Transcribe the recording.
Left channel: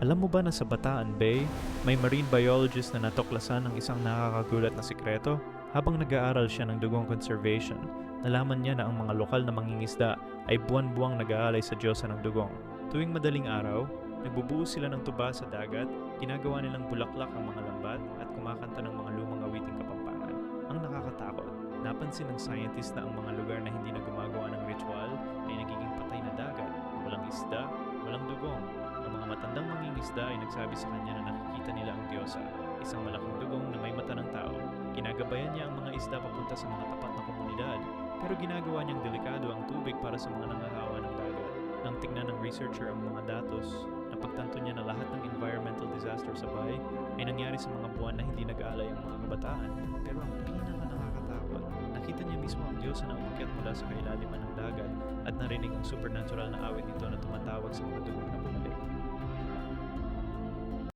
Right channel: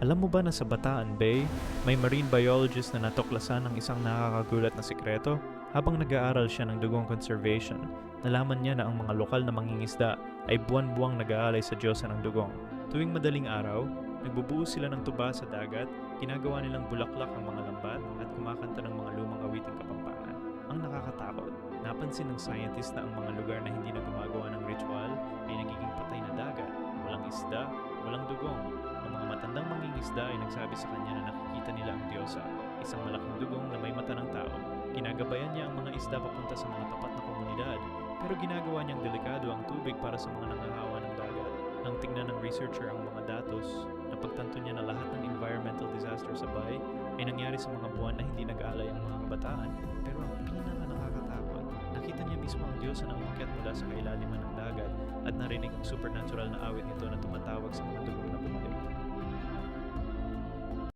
Alam mo ba na sa Bataan Bay, may marine biologist na natuklasan ng isang nakakagulat na sikreto? Habang nag-aaral siya ng dugong conservation, nalaman niya na ang mga lokal na mangingisda ay buwan-buwang nag-aalay sa diyosa ng dugong. Tuwing madaling araw, nagbubuo sila ng tuba sa dagat, ginagawa nilang bulaklak ang mga lambat at kumakanta ng mga lumang awiting Kapampangan. Ang nakakatakot, napansin ng scientist na ang mga lugar na hindi na gumagawa ng ritual ay nagiging patay na dagat, walang isda, walang dugong. Ang mga matandang mangingisda ay nagsabi sa kanya na nakikita nila ang diyosa, isang malaking dugong na may mata ng tao. Ginagabayan niya ang mga isda papunta sa mga tapat na komunidad, pero ginagawa niyang delikado ang tubig para sa mga nangahawa ng dagat. Nang tingnan ng researcher ang mga datos, napagtanto niya na lahat ng environmental disaster sa bay ay nangyari sa mga buwan na hindi nag-aalay ang mga kabataan. Pero ang pinaka-nakakatakot, nakita niya mismo ang diyosa na umakyat mula sa kailaliman ng dagat at narinig ang supernatural na awit nito na tumatawag sa mga dugong na bumalik.